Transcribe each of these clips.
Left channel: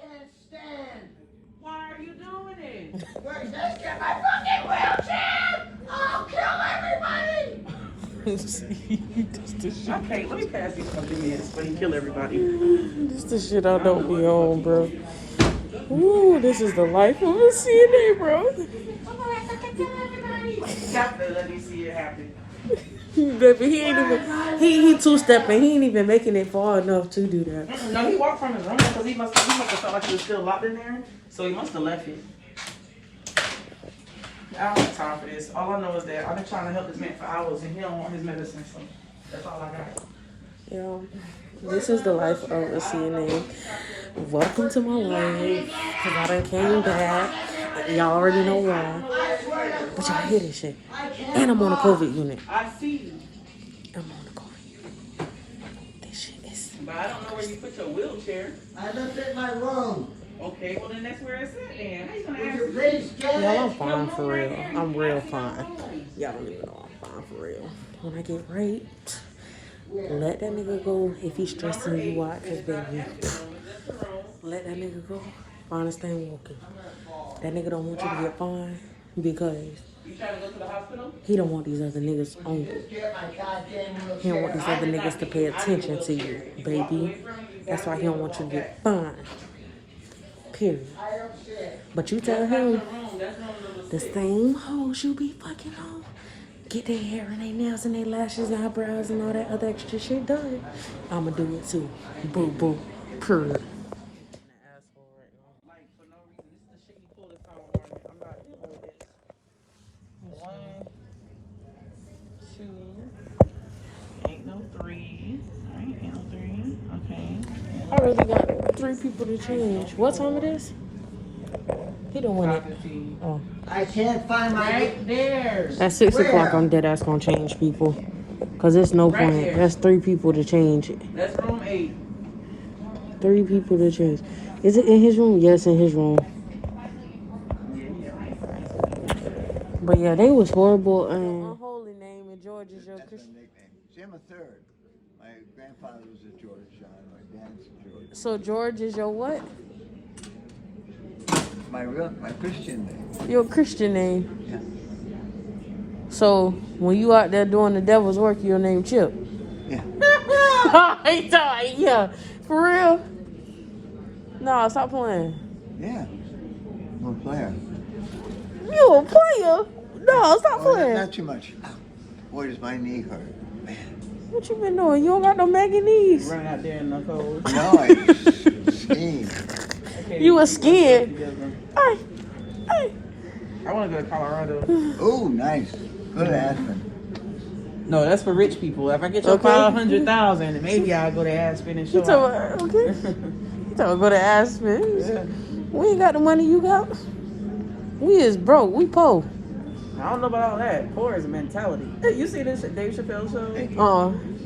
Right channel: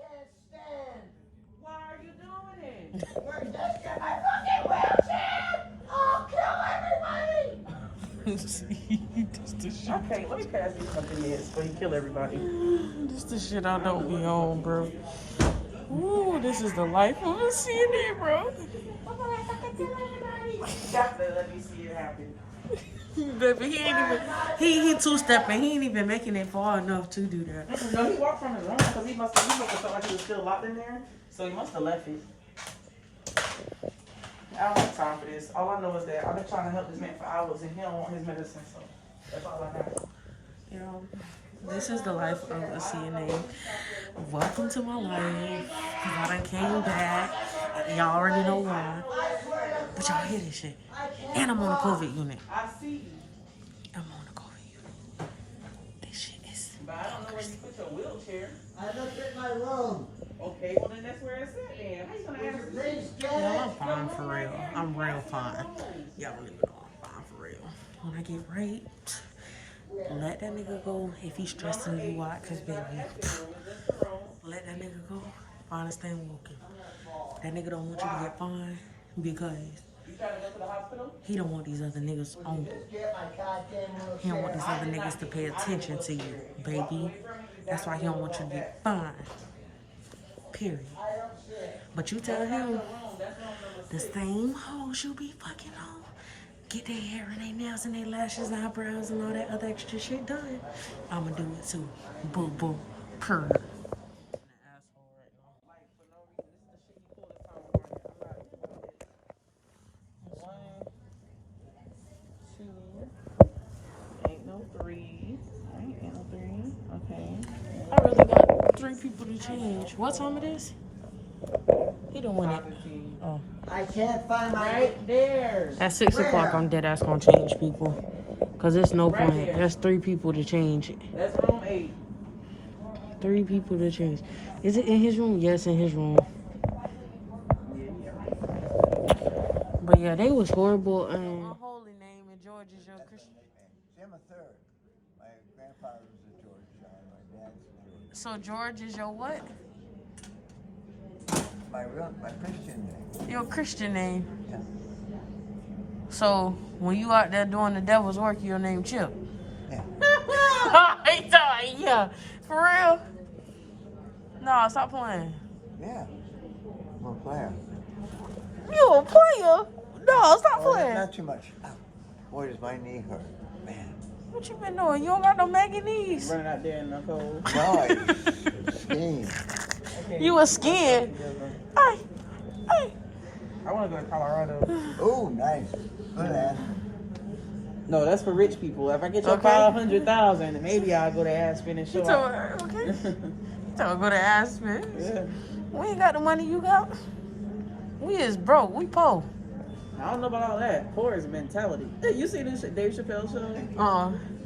can't stand. Why are you doing it? Wait, let's get my fucking wheelchair! I'll kill everybody! Okay, let me pass these fucking meds so you kill everybody. This the shit I don't be on, bro. Ooh, this is the life of a CNA, bro. Definitely let me see it happen. Baby, he ain't even, he two-stepping. He ain't even making it far enough to do that. No, he walked from his room because he must have felt like he was still locked in there. So he must have left it. I don't have time for this. All I know is that I've been trying to help this man for hours and he don't want his medicine, so that's all I got. Yeah, this is the life of a CNA. Welcome to my life. Cause I done came back. Y'all already know why. But y'all hear this shit. And I'm on a COVID unit. I see you. I'm on a COVID unit. This shit is... But I don't know where you put your wheelchair. I looked at my room. Okay, well then that's where it's at then. How you gonna Would ask you me? please get it? Y'all, I'm fine for real. I'm real fine. Y'all don't even know I'm fine for real. When I get raped, let that nigga go if he's stressing you out, cause baby, let that nigga go. Fine as staying walking. That nigga don't want you to get fined because You trying to go to the hospital? he don't want these other niggas on you. He don't want these other niggas to pay attention to you, baby. That's why he don't want you to get fined. Period. But you tell him the same hoes you be fucking on, get their hair and their nails and their lashes and eyebrows and all that other extra shit done, I'ma do it too. Boo boo. Period. I already got 3 people to change. What time it is? He don't want it. Oh. I can't find my... Right there. At 6 o'clock, I'm dead ass gonna change people. Cause there's no Right point. there. That's 3 people to change it. That's room 8. 3 people to change. Is it in his room? Yes, in his room. But yeah, they was horrible. Unholy name and George is your Christian. Jim III. My grandfather was a George. My dad's a George. So George is your what? My Christian name. Your Christian name. So when you out there doing the devil's work, your name Chip. Yeah. He thought, yeah, for real. No, stop playing. Yeah. I'm a player. You a player? No, stop playing. Not too much. Boy, does my knee hurt. Man. What you been doing? You don't got no Maggie knees. Run out there in the cold. No, I skiing. You was skiing. Hey, hey. I want to go to Colorado. Oh, nice. Go to Aspen. No, that's for rich people. If I get your Okay. 500,000, maybe I'll go to Aspen and You show. talking about, okay? You talking go to Aspen. We ain't got the money you got. We is broke. We poor. I don't know about all that. Poor is a mentality. Hey, you see this Dave Chappelle show?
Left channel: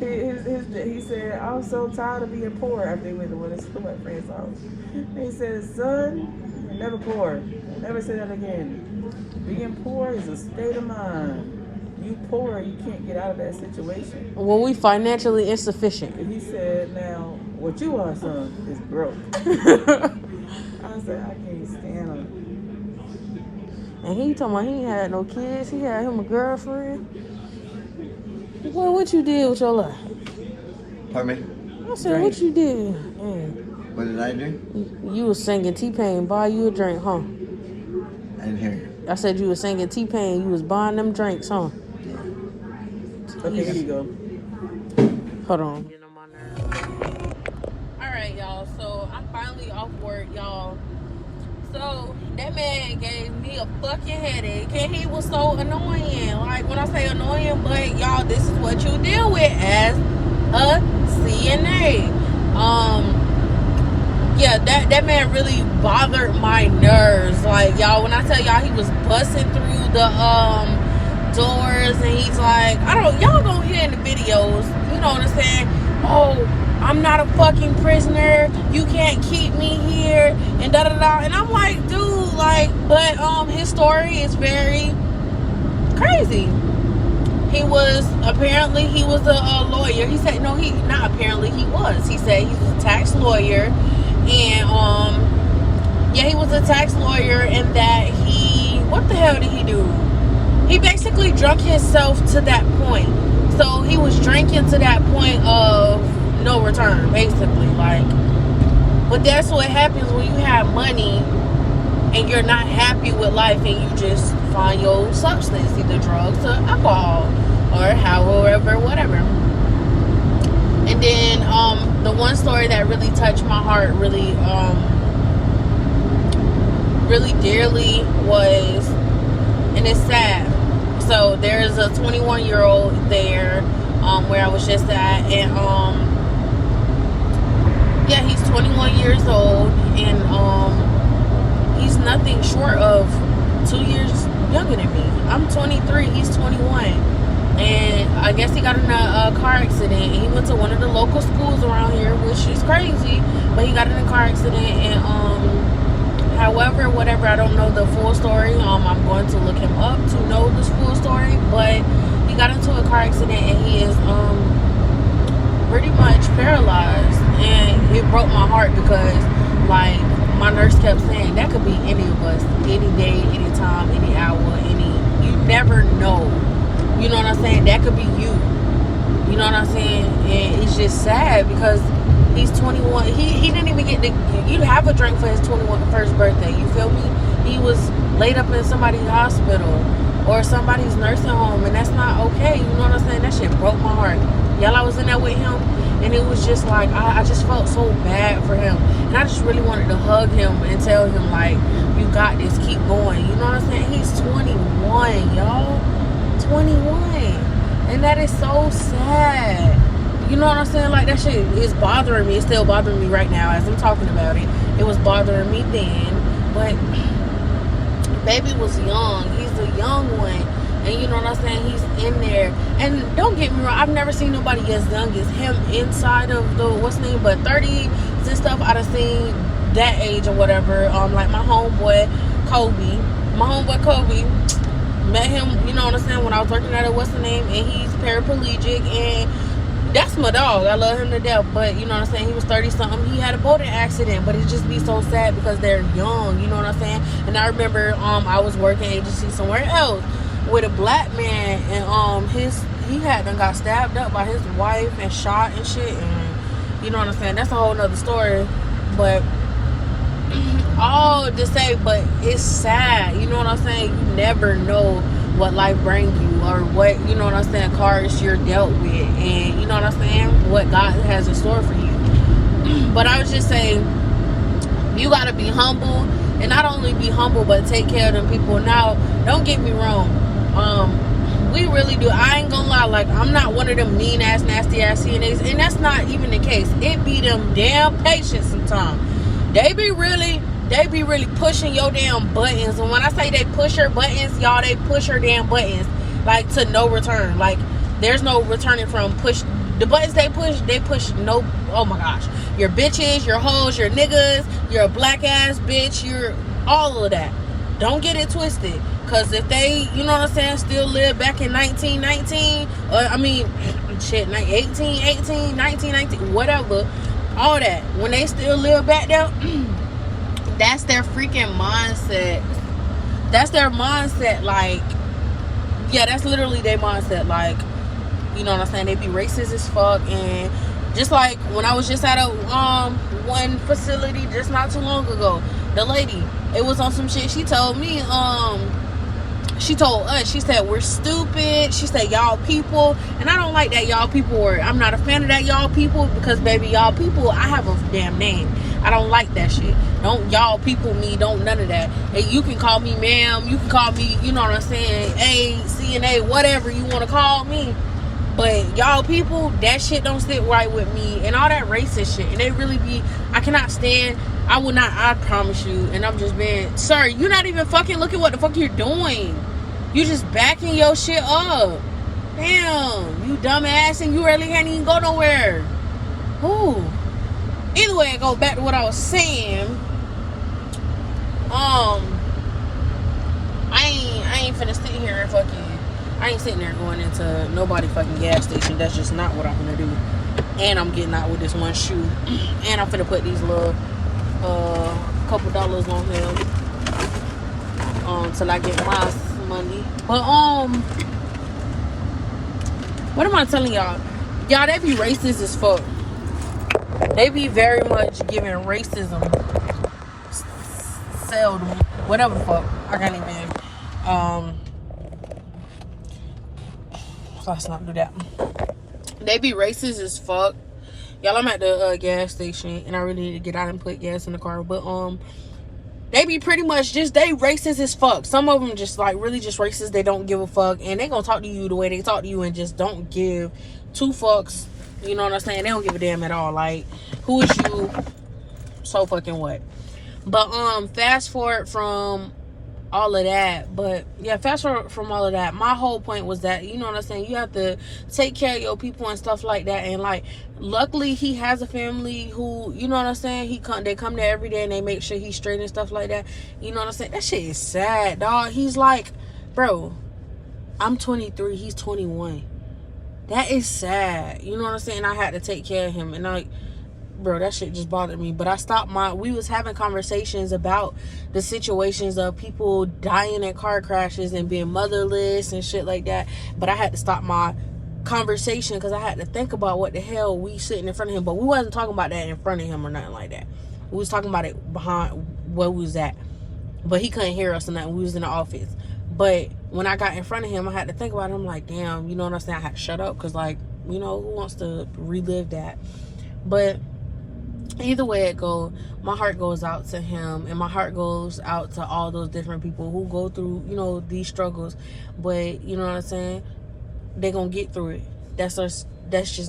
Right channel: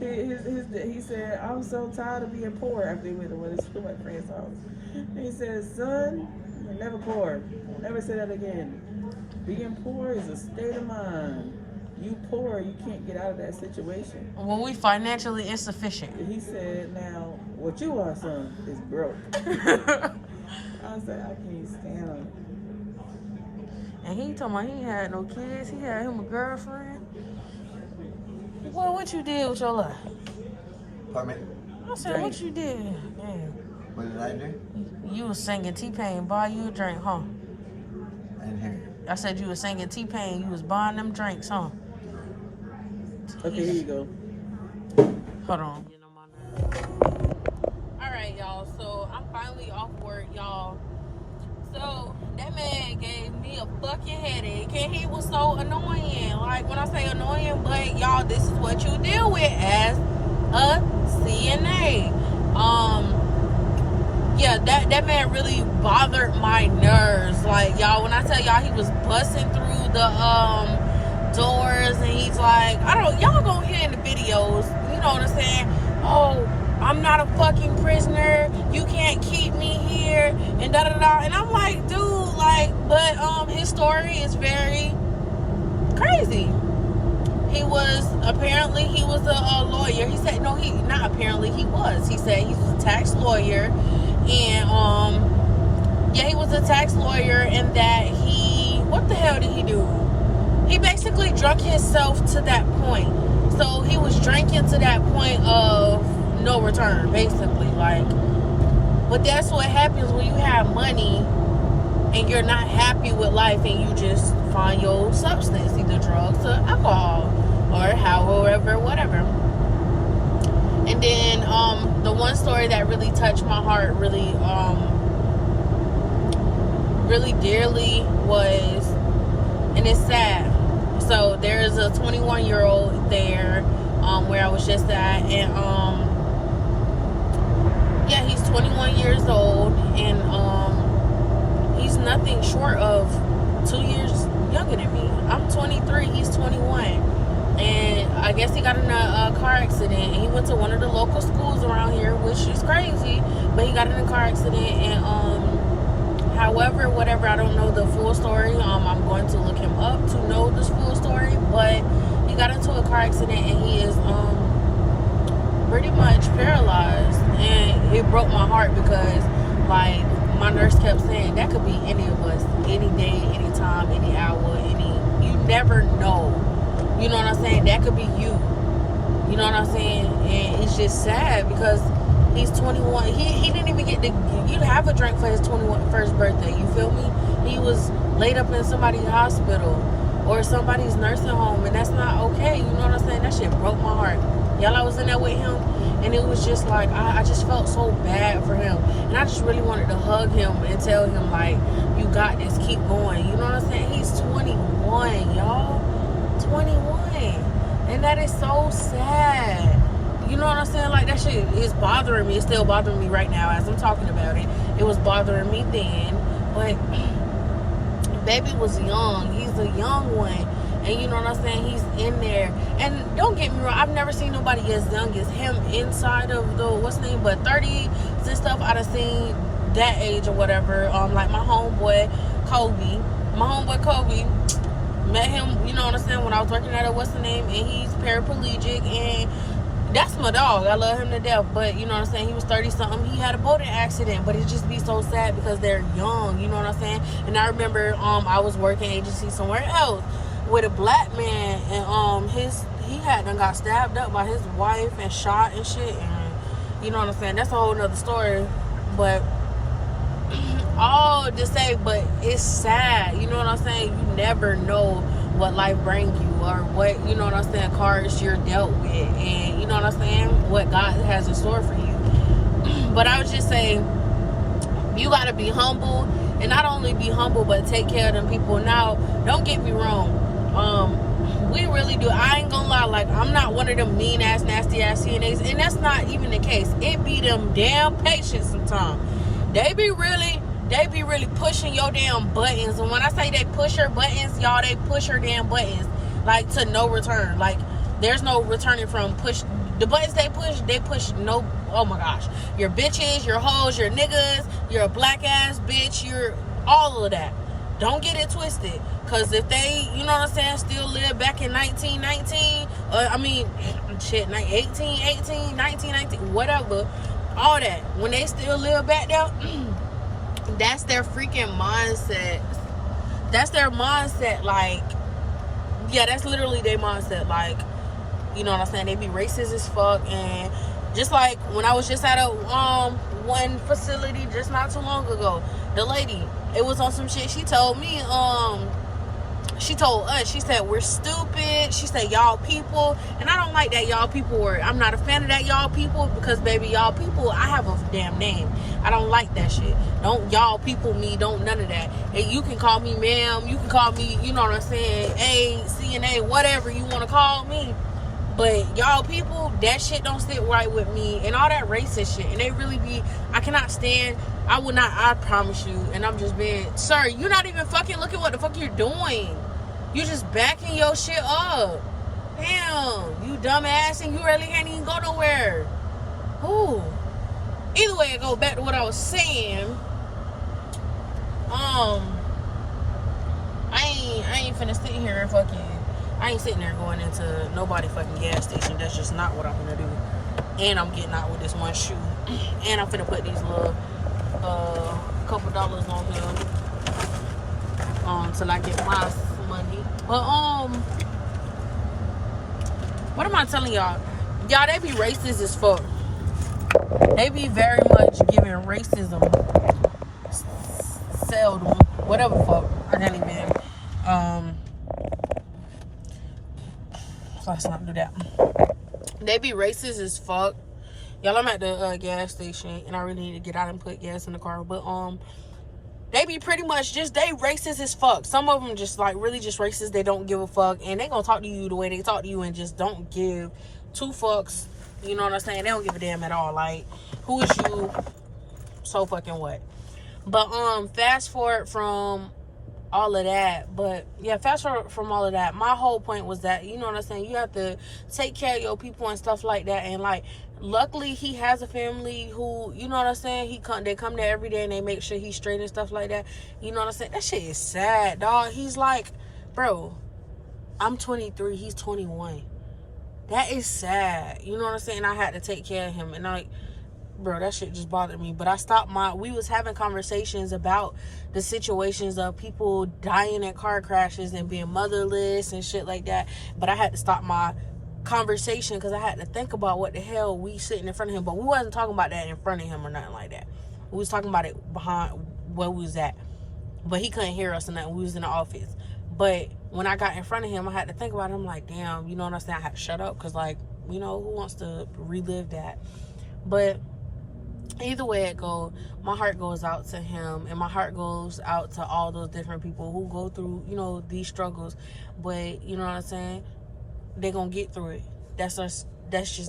He said, I was so tired of being poor after he went to one of his friend's house. He said, son, never poor. Never say that again. Being poor is a state of mind. You poor, you can't get out of that situation. Well, we financially insufficient. He said, now, what you are, son, is broke. I said, I can't stand him. And he talking about he ain't had no kids. He had him a girlfriend. Boy, what you did with your life? Pardon me? I said, what you did? What did I do? You was singing T-Pain, buy you a drink, huh? I didn't hear you. I said you was singing T-Pain, you was buying them drinks, huh? Okay, here you go. Hold on. Getting on my nerves. Alright, y'all. So I'm finally off work, y'all. So that man gave me a fucking headache, and he was so annoying. Like, when I say annoying, but y'all, this is what you deal with as a CNA. Yeah, that man really bothered my nerves. Like, y'all, when I tell y'all he was busting through the doors, and he's like, y'all gonna hear in the videos, you know what I'm saying? Oh, I'm not a fucking prisoner. You can't keep me here, and da da da. And I'm like, dude, like, but his story is very crazy. He was a lawyer. He said, no, he not apparently, he was. He said he was a tax lawyer, and Yeah, he was a tax lawyer, and that what the hell did he do? He basically drunk himself to that point. So he was drinking to that point of no return, basically. Like, but that's what happens when you have money and you're not happy with life, and you just find your substance, either drugs or alcohol, or however, whatever. And then the one story that really touched my heart really dearly was, and it's sad. So there's a 21-year-old there where I was just at, and yeah, he's 21 years old, and he's nothing short of 2 years younger than me. I'm 23, he's 21, and I guess he got in a car accident, and he went to one of the local schools around here, which is crazy, but he got in a car accident, and however, whatever, I don't know the full story. I'm going to look him up to know this full story, but he got into a car accident, and he is pretty much paralyzed, and it broke my heart because, like, my nurse kept saying that could be any of us, any day, any time, any hour, you never know. You know what I'm saying? That could be you. You know what I'm saying? And it's just sad because he's 21. He didn't even get to have a drink for his 21st birthday. You feel me? He was laid up in somebody's hospital or somebody's nursing home, and that's not okay. You know what I'm saying? That shit broke my heart. Y'all, I was in there with him, and it was just like, I just felt so bad for him. And I just really wanted to hug him and tell him, like, you got this, keep going. You know what I'm saying? He's 21, y'all. 21. And that is so sad. You know what I'm saying? Like, that shit is bothering me. It's still bothering me right now as I'm talking about it. It was bothering me then. But baby was young. He's a young one. And you know what I'm saying? He's in there. And don't get me wrong, I've never seen nobody as young as him inside of the, what's the name, but 30s and stuff. I'd have seen that age or whatever. Like my homeboy, Kobe. Met him, you know what I'm saying, when I was working at it, what's the name? And he's paraplegic, and that's my dog. I love him to death. But you know what I'm saying? He was 30-something. He had a boating accident, but it just be so sad because they're young. You know what I'm saying? And I remember I was working agency somewhere else with a black man, and he had done got stabbed up by his wife and shot and shit. And you know what I'm saying? That's a whole nother story. But all to say, but it's sad. You know what I'm saying? You never know what life brings you, or what, you know what I'm saying, cards you're dealt with, and you know what I'm saying, what God has in store for you. But I was just saying, you gotta be humble, and not only be humble, but take care of them people. Now, don't get me wrong, we really do. I ain't gonna lie, like, I'm not one of them mean ass, nasty ass CNAs, and that's not even the case. It be them damn patients sometimes. They be really pushing your damn buttons. And when I say they push your buttons, y'all, they push your damn buttons, like, to no return. Like, there's no returning from push. The buttons they push no, oh my gosh. Your bitches, your hoes, your niggas, you're a black ass bitch, you're all of that. Don't get it twisted. Because if they, you know what I'm saying, still live back in 1919, I mean, shit, 1818, 1919, whatever, all that. When they still live back there, that's their freaking mindset. That's their mindset. Like, yeah, that's literally their mindset. Like, you know what I'm saying? They be racist as fuck. And just like when I was just at a one facility just not too long ago, the lady, it was on some shit. She told me, she told us, she said, we're stupid. She said, y'all people. And I don't like that y'all people word. I'm not a fan of that y'all people, because baby, y'all people, I have a damn name. I don't like that shit. Don't y'all people me, don't none of that. And you can call me ma'am, you can call me, you know what I'm saying, A, CNA, whatever you want to call me. But y'all people, that shit don't sit right with me. And all that racist shit. And they really be, I cannot stand, I will not, I promise you. And I'm just being, sir, you're not even fucking looking what the fuck you're doing. You just backing your shit up. Damn, you dumbass, and you really can't even go nowhere. Ooh. Either way, I go back to what I was saying. I ain't finna sit here and fucking, I ain't sitting there going into nobody fucking gas station. That's just not what I'm gonna do. And I'm getting out with this one shoe. And I'm finna put these little couple dollars on him till I get my money. But what am I telling y'all? Y'all, they be racist as fuck. They be very much giving racism seldom, whatever the fuck. I can't even let's not do that. They be racist as fuck. Y'all, I'm at the gas station and I really need to get out and put gas in the car. But they be pretty much just, they racist as fuck. Some of them just like really just racist. They don't give a fuck, and they gonna talk to you the way they talk to you and just don't give two fucks. You know what I'm saying? They don't give a damn at all. Like, who is you? So fucking what? But fast forward from all of that. But yeah, fast forward from all of that. My whole point was that, you know what I'm saying, you have to take care of your people and stuff like that. And like, luckily he has a family who, you know what I'm saying, they come there every day and they make sure he's straight and stuff like that. You know what I'm saying? That shit is sad, dog. He's like, bro, I'm 23, he's 21. That is sad. You know what I'm saying? I had to take care of him. And like, bro, that shit just bothered me. But I stopped we was having conversations about the situations of people dying in car crashes and being motherless and shit like that. But I had to stop my conversation because I had to think about what the hell we sitting in front of him. But we wasn't talking about that in front of him or nothing like that. We was talking about it behind where we was at. But he couldn't hear us or nothing. We was in the office. But when I got in front of him, I had to think about it. I'm like, damn, you know what I'm saying? I had to shut up because, like, you know, who wants to relive that? But either way it goes, my heart goes out to him, and my heart goes out to all those different people who go through, you know, these struggles. But you know what I'm saying, they're gonna get through it. That's just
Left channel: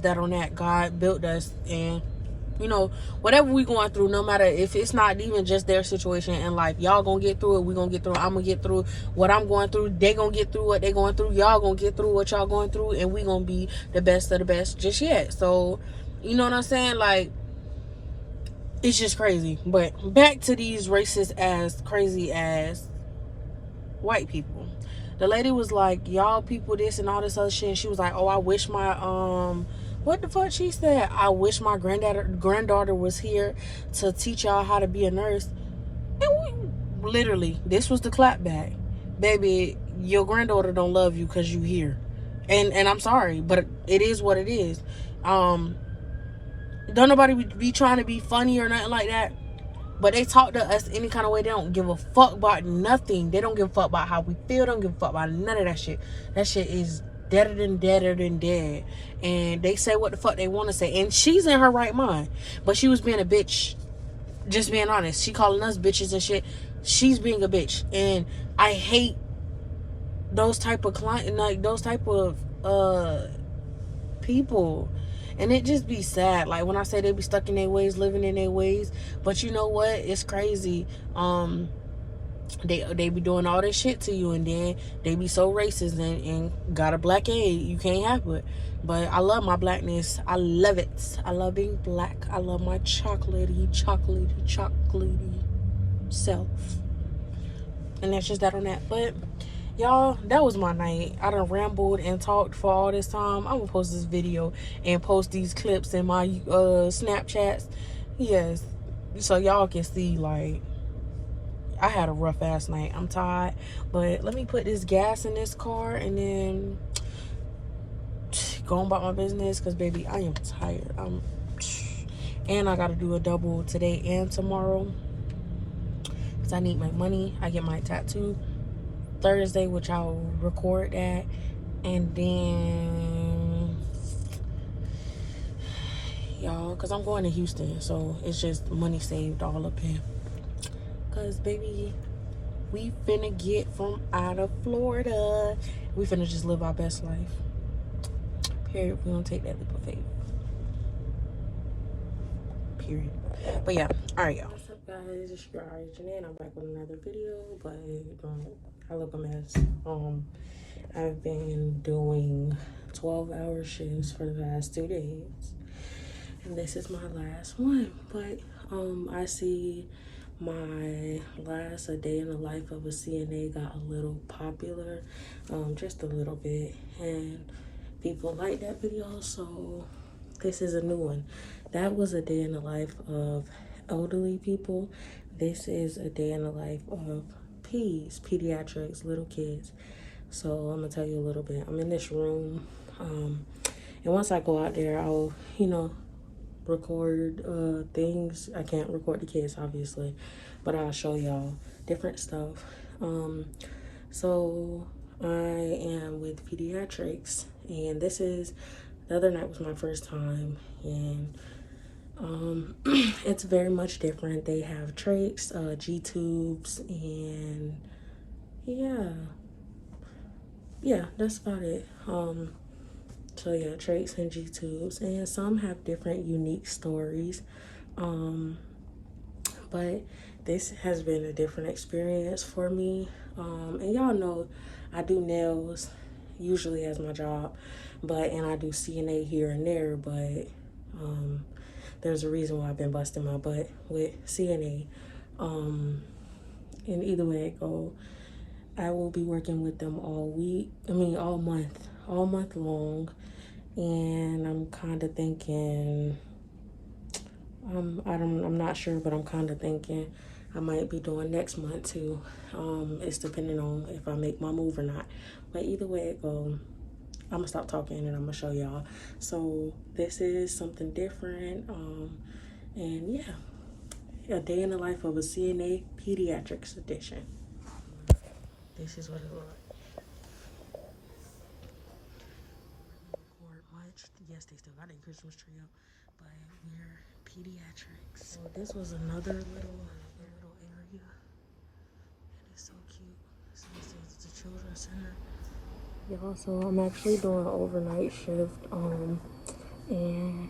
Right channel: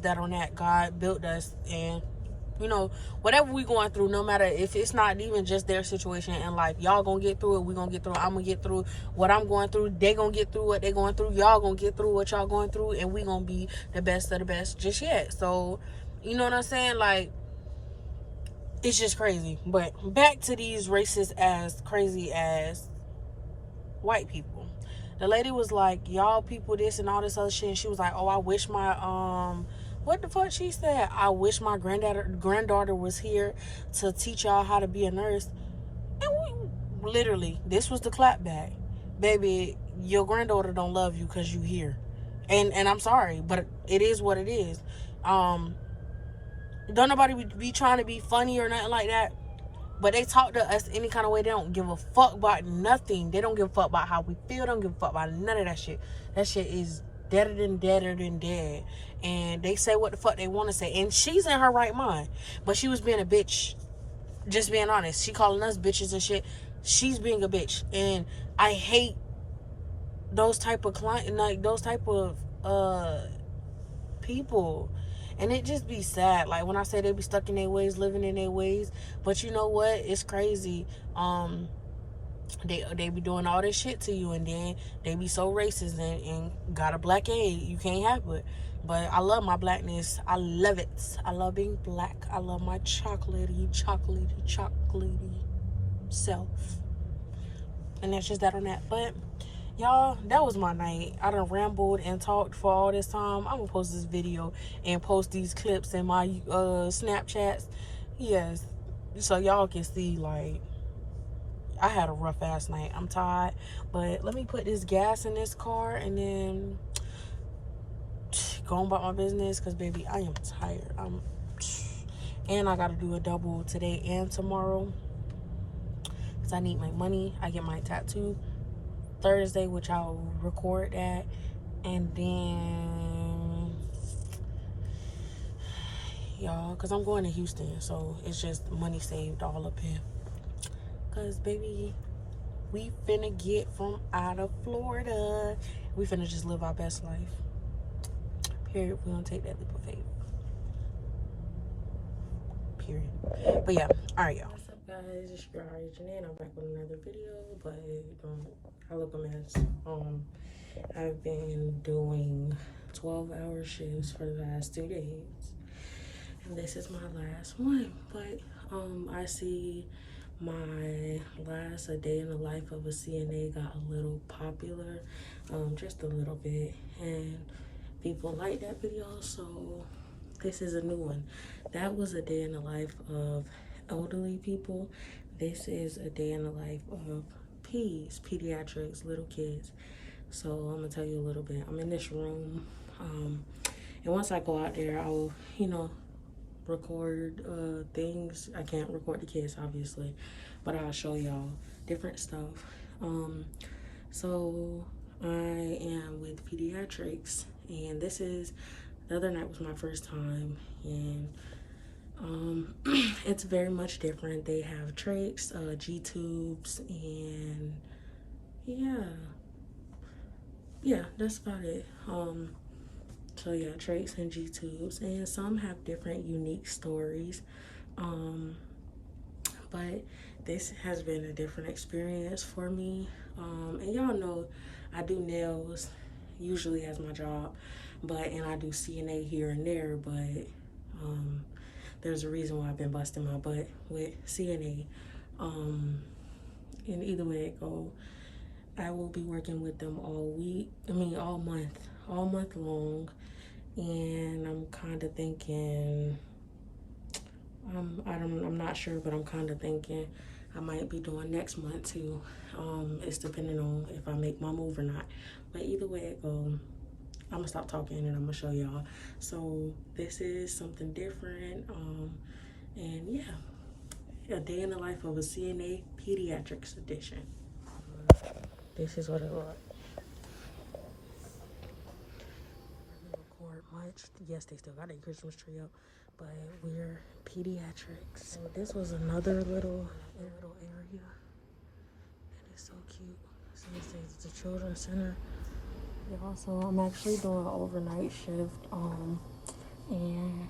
that on that. God built us, and you know, whatever we going through, no matter if it's not even just their situation in life, y'all gonna get through it. We gonna get through it. I'm gonna get through what I'm going through. They gonna get through what they going through. Y'all gonna get through what y'all going through, and we gonna be the best of the best just yet. So you know what I'm saying, like, it's just crazy. But back to these racist ass, crazy ass white people. The lady was like, y'all people this and all this other shit. And she was like, oh, I wish my what the fuck she said? I wish my granddaughter was here to teach y'all how to be a nurse. And we literally, this was the clap back. Baby, your granddaughter don't love you because you here. And I'm sorry, but it is what it is. Don't nobody be trying to be funny or nothing like that. But they talk to us any kind of way. They don't give a fuck about nothing. They don't give a fuck about how we feel. They don't give a fuck about none of that shit. That shit is deader than dead. And they say what the fuck they want to say. And she's in her right mind. But she was being a bitch. Just being honest. She calling us bitches and shit. She's being a bitch. And I hate those type of like those type of people. And it just be sad. Like when I say they be stuck in their ways, living in their ways. But you know what? It's crazy. They be doing all this shit to you, and then they be so racist and got a black aid. You can't have it. But I love my blackness. I love it. I love being black. I love my chocolatey self. And that's just that on that. But y'all, that was my night. I done rambled and talked for all this time. I'm gonna post this video and post these clips in my Snapchats. Yes, so y'all can see, like, I had a rough ass night. I'm tired, but let me put this gas in this car and then go on about my business, because baby, I am tired. And I gotta do a double today and tomorrow because I need my money. I get my tattoo Thursday, which I'll record that, and then y'all, because I'm going to Houston, so it's just money saved all up here. Because baby, we finna get from out of Florida. We finna just live our best life. Period. We don't take that leap of faith. Period. But yeah, all right, y'all. What's up, guys? It's your girl Janine. I'm back with another video, but I look a mess. I've been doing 12-hour shifts for the past 2 days, and this is my last one. But I see my last A Day in the Life of a CNA got a little popular, just a little bit, and people like that video, so this is a new one. That was a day in the life of elderly people. This is a day in the life of pediatrics, little kids. So I'm gonna tell you a little bit. I'm in this room, and once I go out there, I'll, record things. I can't record the kids, obviously, but I'll show y'all different stuff. So I am with Pediatrics, and the other night was my first time, and it's very much different. They have trachs, G-tubes, and yeah, that's about it. So yeah, trachs and G-tubes, and some have different unique stories. But this has been a different experience for me. And y'all know I do nails usually as my job, and I do CNA here and there, but there's a reason why I've been busting my butt with CNA. And either way it go, I will be working with them all month long. And I'm kind of thinking, I'm not sure, but I'm kind of thinking I might be doing next month too. It's depending on if I make my move or not. But either way it go, I'm gonna stop talking and I'm gonna show y'all. So this is something different. And yeah, a day in the life of a CNA Pediatrics edition. This is what it looks like. Much. Yes, they still got a Christmas tree up, but we're Pediatrics. So this was another little area that is so cute. So this is the children's center. Y'all, so I'm actually doing an overnight shift, and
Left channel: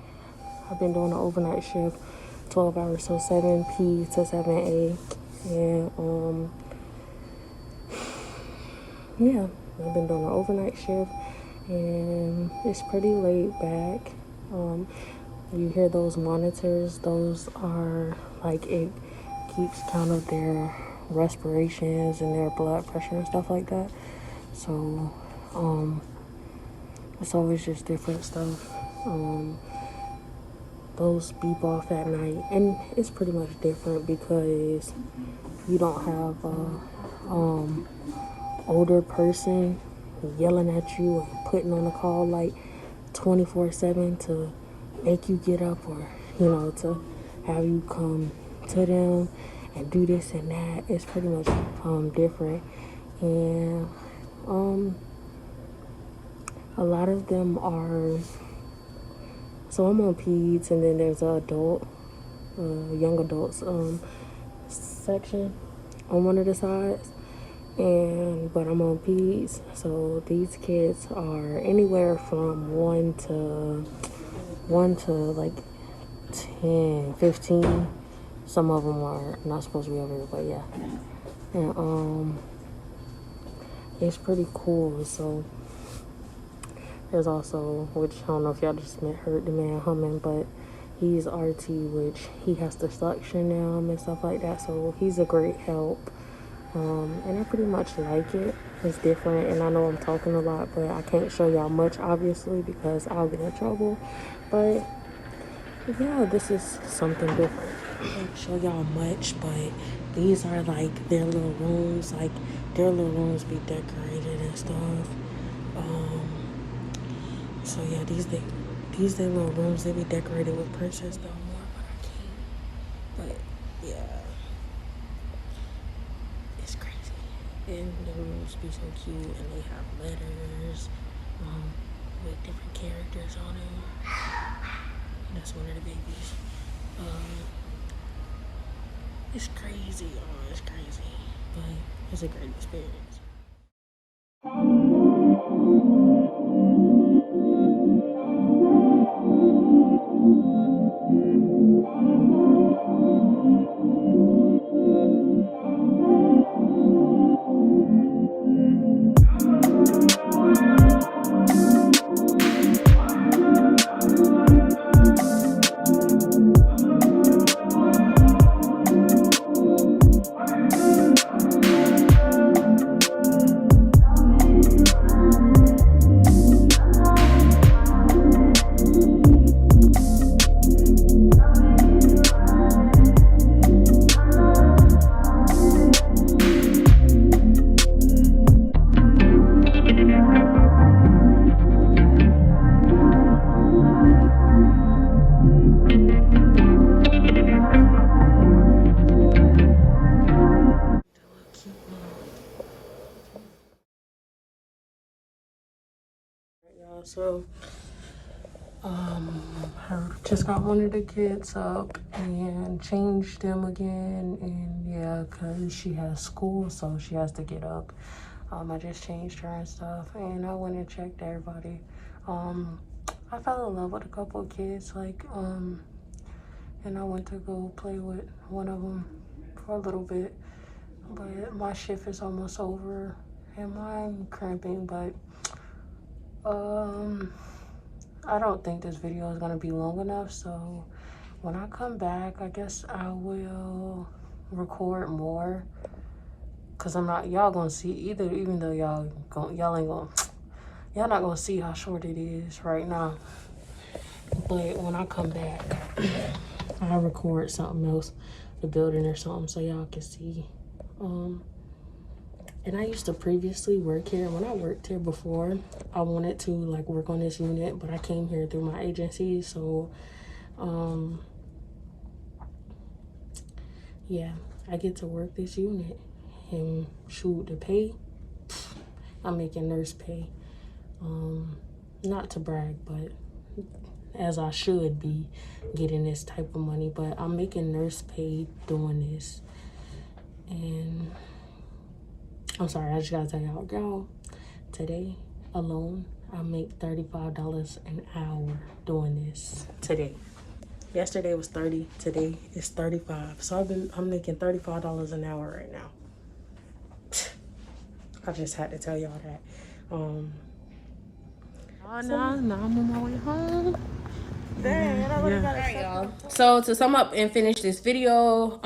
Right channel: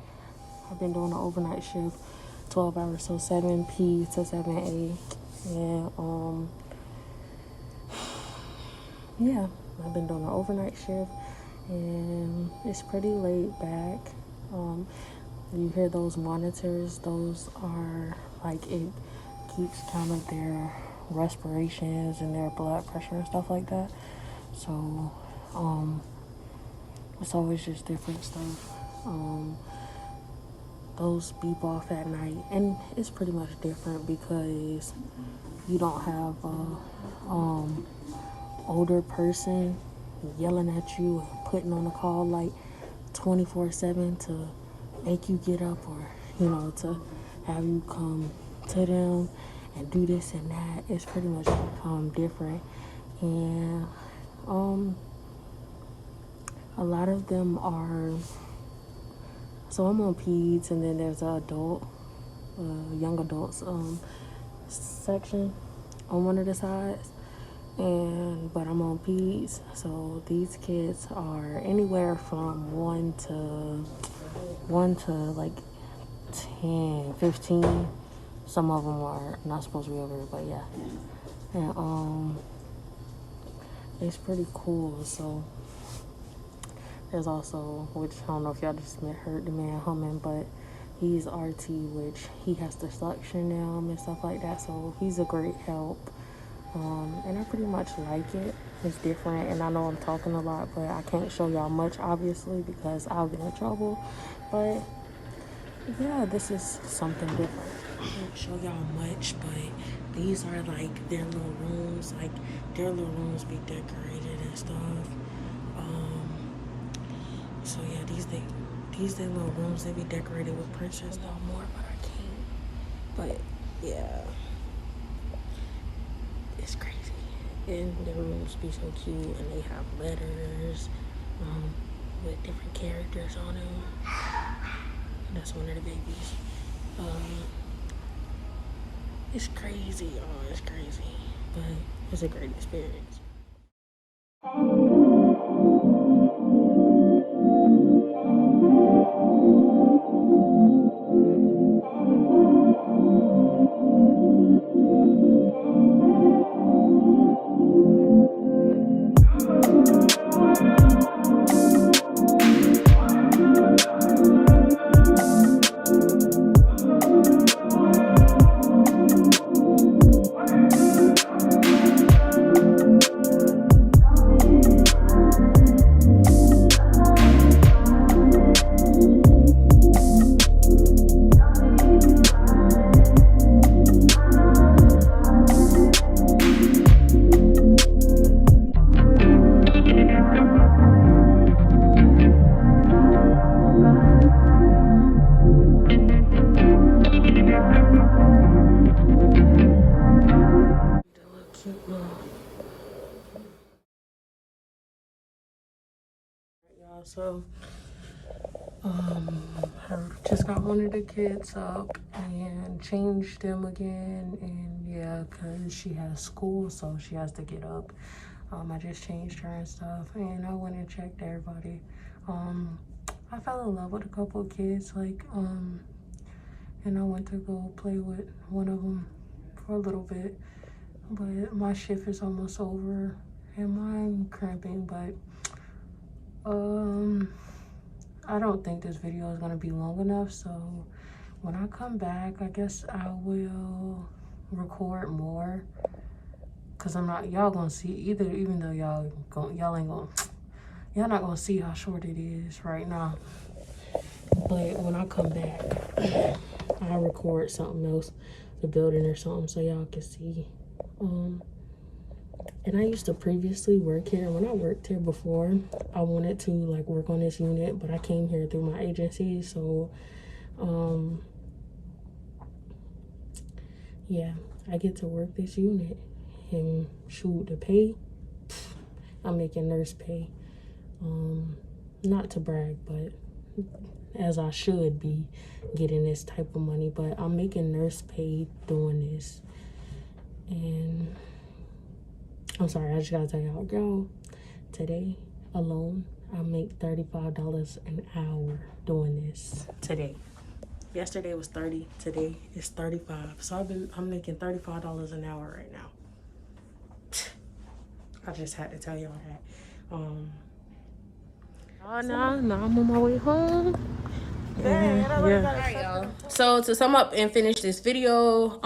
I've been doing an overnight shift 12 hours, so 7 p to 7 a, and yeah, I've been doing an overnight shift. And it's pretty laid back. You hear those monitors, those are like, it keeps count of their respirations and their blood pressure and stuff like that. So it's always just different stuff. Those beep off at night, and it's pretty much different because you don't have a older person yelling at you and putting on a call like 24/7 to make you get up, or to have you come to them and do this and that. It's pretty much different. And a lot of them are, so I'm on peds, and then there's a young adults section on one of the sides, but I'm on peds. So these kids are anywhere from 1 to like 10, 15. Some of them are not supposed to be over here, but yeah. And it's pretty cool. So there's also, which I don't know if y'all just heard the man humming, but he's RT, which he has to suction them and stuff like that. So he's a great help. And I pretty much like it. It's different, and I know I'm talking a lot, but I can't show y'all much, obviously, because I'll get in trouble. But yeah, this is something different. I can't show y'all much, but these are like their little rooms. Like, their little rooms be decorated and stuff. So yeah, these their little rooms, they be decorated with pictures. No more, but I can't. But yeah, it's crazy. And the rooms be so cute, and they have letters with different characters on them. That's one of the babies. It's crazy, y'all. It's crazy, but it's a great experience. So I just got one of the kids up and changed them again, and yeah, because she has school, so she has to get up. I just changed her and stuff, and I went and checked everybody. I fell in love with a couple of kids, like, and I went to go play with one of them for a little bit, but my shift is almost over, and I'm cramping, but, I don't think this video is gonna be long enough, so when I come back, I guess I will record more, cause I'm not, y'all gonna see either, even though y'all not gonna see how short it is right now. But when I come back, I'll record something else, the building or something, so y'all can see. And I used to previously work here. When I worked here before, I wanted to like work on this unit, but I came here through my agency. So, yeah, I get to work this unit. And shoot, the pay, I'm making nurse pay. Not to brag, but as I should be getting this type of money, but I'm making nurse pay doing this. And I'm sorry, I just gotta tell y'all, today alone, I make $35 an hour doing this today. Yesterday was 30, today is 35. So I'm making $35 an hour right now. I just had to tell y'all that. Now I'm on my way home. Yeah. So to sum up and finish this video,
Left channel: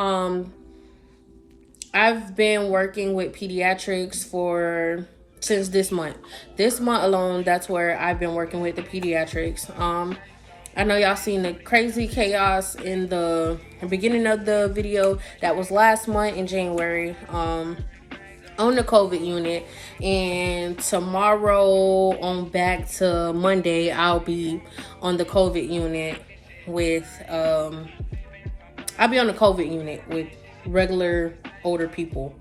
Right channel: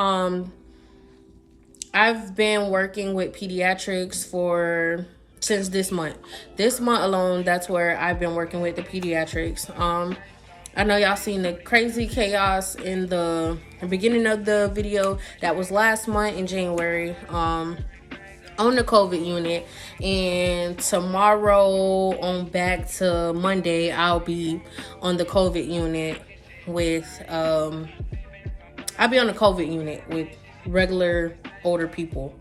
I've been working with Pediatrics since this month. This month alone, that's where I've been working with the Pediatrics. I know y'all seen the crazy chaos in the beginning of the video. That was last month in January. On the COVID unit, and tomorrow on back to Monday, I'll be on the COVID unit with regular older people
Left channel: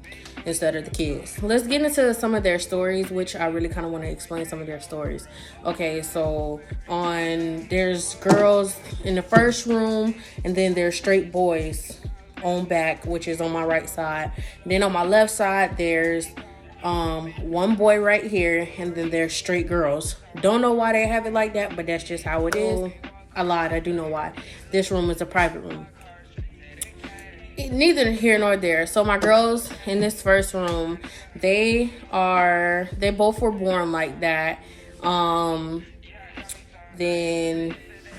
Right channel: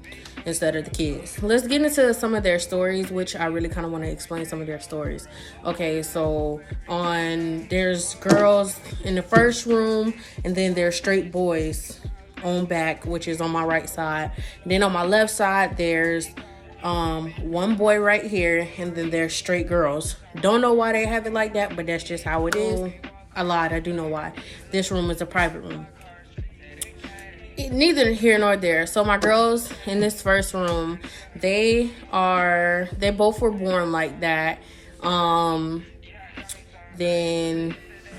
instead of the kids. Let's get into some of their stories, which I really kind of want to explain some of their stories. Okay, so there's girls in the first room, and then there's straight boys on back, which is on my right side. Then on my left side, there's one boy right here, and then there's straight girls. Don't know why they have it like that, but that's just how it is. I lied, I do know why. This room is a private room. Neither here nor there. So my girls in this first room, they both were born like that. Then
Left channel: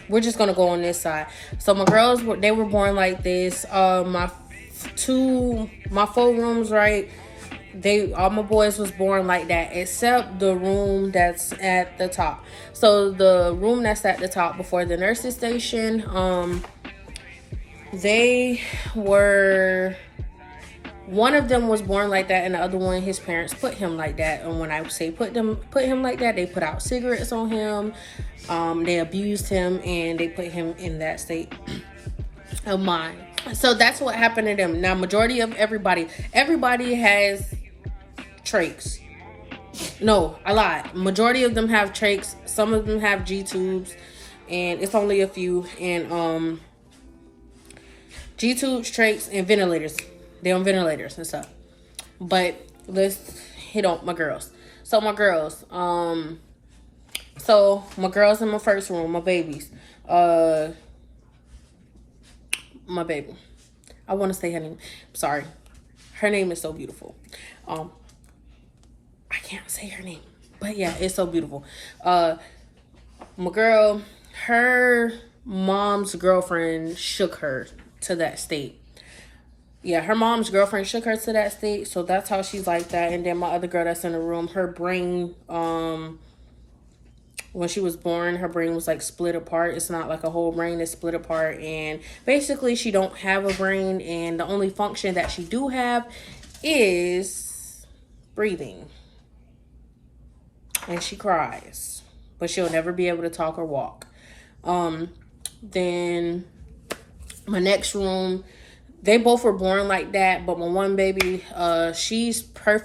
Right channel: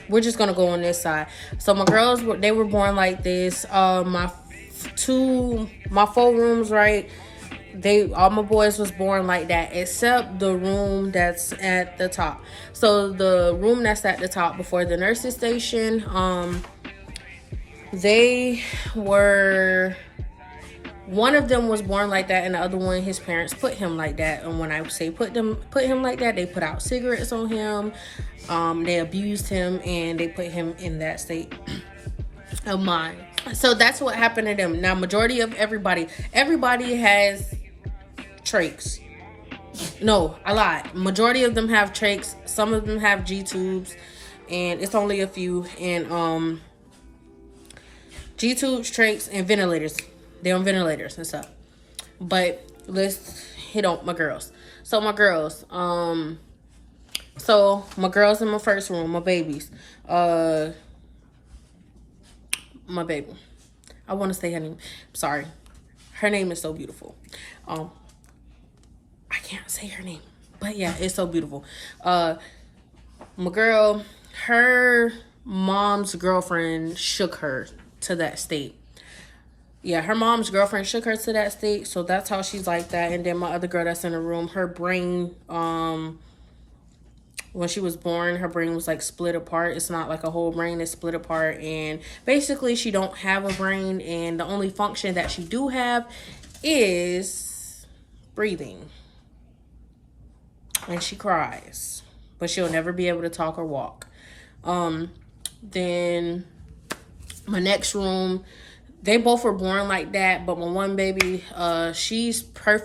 we're just gonna go on this side. So my girls, they were born like this. My 4 rooms, right? All my boys was born like that, except the room that's at the top. So the room that's at the top before the nurses station, one of them was born like that, and the other one, his parents put him like that. And when I say put him like that, they put out cigarettes on him. They abused him, and they put him in that state of mind. So that's what happened to them. Now, majority of everybody has trachs. No, I lied. Majority of them have trachs. Some of them have G-tubes, and it's only a few. And G-tubes, trachs, and ventilators. They're on ventilators and stuff. But let's hit on my girls. So my girls, in my first room, my babies. My baby. I want to say her name. Sorry. Her name is so beautiful. I can't say her name. But yeah, it's so beautiful. My girl, her mom's girlfriend shook her to that state. Yeah, her mom's girlfriend shook her to that state. So that's how she's like that. And then my other girl that's in the room, her brain, when she was born, her brain was like split apart. It's not like a whole brain, it's split apart. And basically she don't have a brain, and the only function that she do have is breathing. And she cries, but she'll never be able to talk or walk. Then my next room, they both were born like that, but my one baby, she's both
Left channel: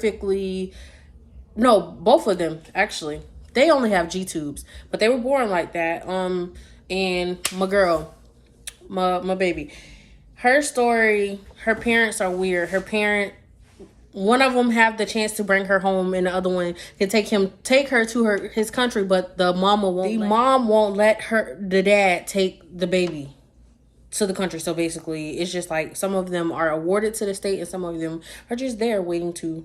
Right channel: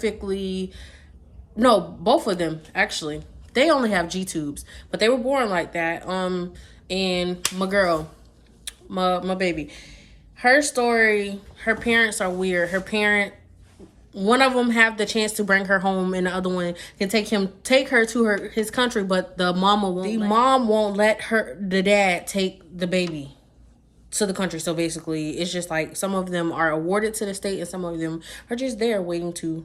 of them actually. They only have G tubes, but they were born like that. And my girl, my baby, her story, her parents are weird. One of them have the chance to bring her home, and the other one can take her to his country, but the mom won't let the dad take the baby to the country. So basically, it's just like some of them are awarded to the state, and some of them are just there waiting to,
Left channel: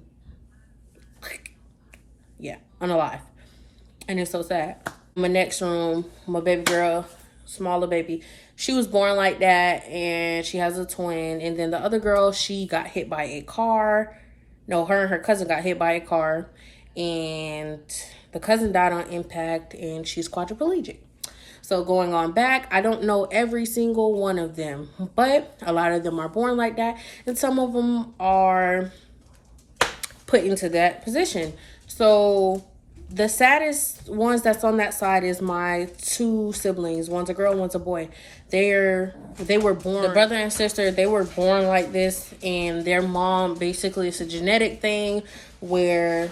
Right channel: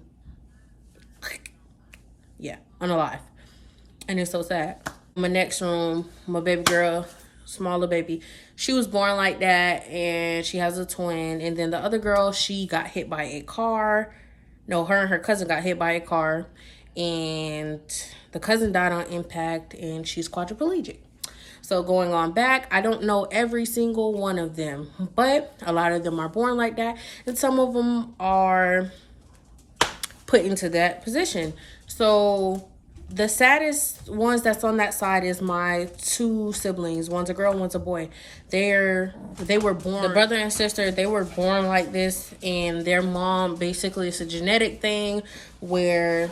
unalive. And it's so sad. My next room, my baby girl, smaller baby, she was born like that, and she has a twin. And then the other girl, she got hit by a car. No, her and her cousin got hit by a car, and the cousin died on impact, and she's quadriplegic. So going on back, I don't know every single one of them, but a lot of them are born like that, and some of them are put into that position. So the saddest ones that's on that side is my two siblings. One's a girl, one's a boy. They were born, the brother and sister, they were born like this, and their mom, basically it's a genetic thing where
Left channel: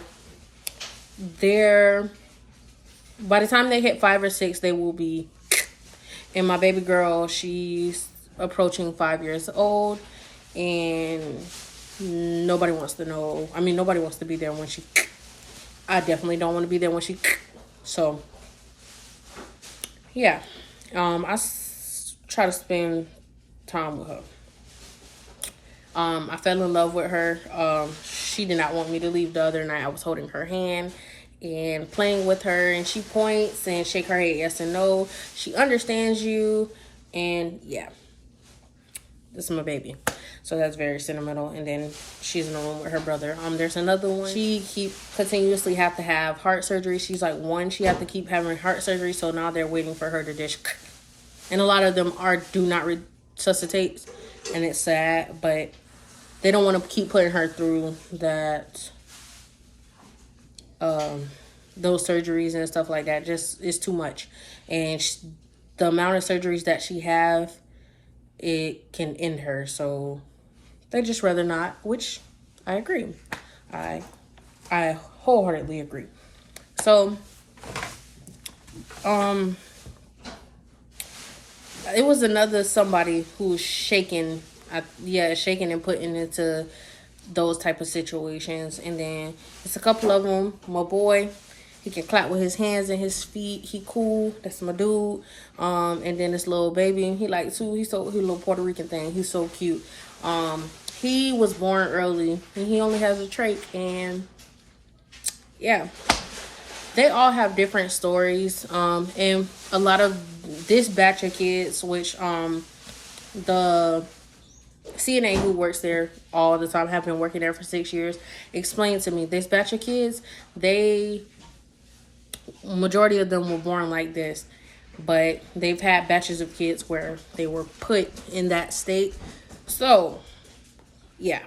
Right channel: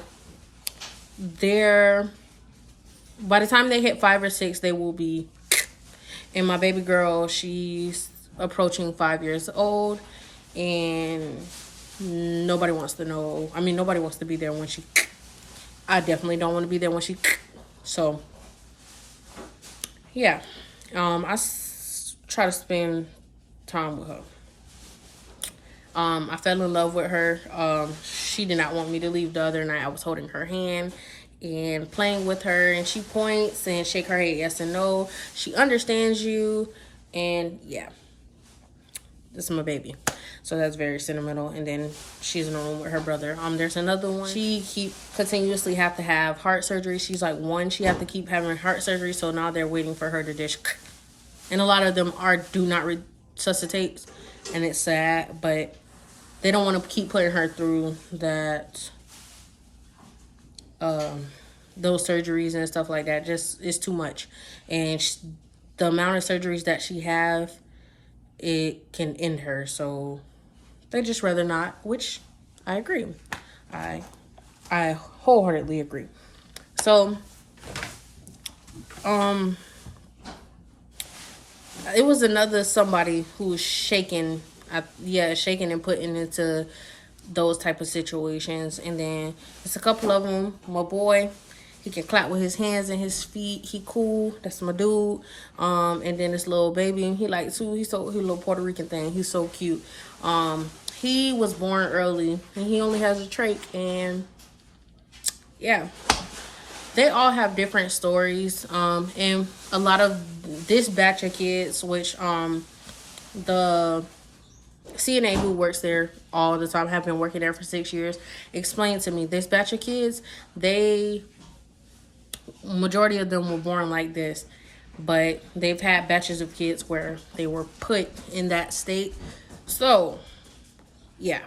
by the time they hit 5 or 6, they will be. And my baby girl, she's approaching 5 years old, and nobody wants to know. I mean, nobody wants to be there when she. I definitely don't want to be there when she. So, yeah. Try to spend time with her. I fell in love with her. She did not want me to leave the other night. I was holding her hand and playing with her, and she points and shake her head yes and no. She understands you, and yeah. This is my baby. So that's very sentimental. And then she's in a room with her brother. There's another one. She continuously have to have heart surgery. She's like 1. She have to keep having heart surgery. So now they're waiting for her to dish. And a lot of them do not resuscitate. And it's sad. But they don't want to keep putting her through that. Those surgeries and stuff like that. Just it's too much. And the amount of surgeries that she have, it can end her. So they just rather not, which I agree. I wholeheartedly agree. So it was another somebody who was shaking and putting into those type of situations. And then it's a couple of them. My boy, he can clap with his hands and his feet. He cool. That's my dude. And then this little baby, he like too. He's a little Puerto Rican thing. He's so cute. He was born early, and he only has a trach. And yeah, they all have different stories. And a lot of this batch of kids, which the CNA who works there all the time, have been working there for 6 years, explained to me this batch of kids, majority of them were born like this, but they've had batches of kids where they were put in that state. So yeah,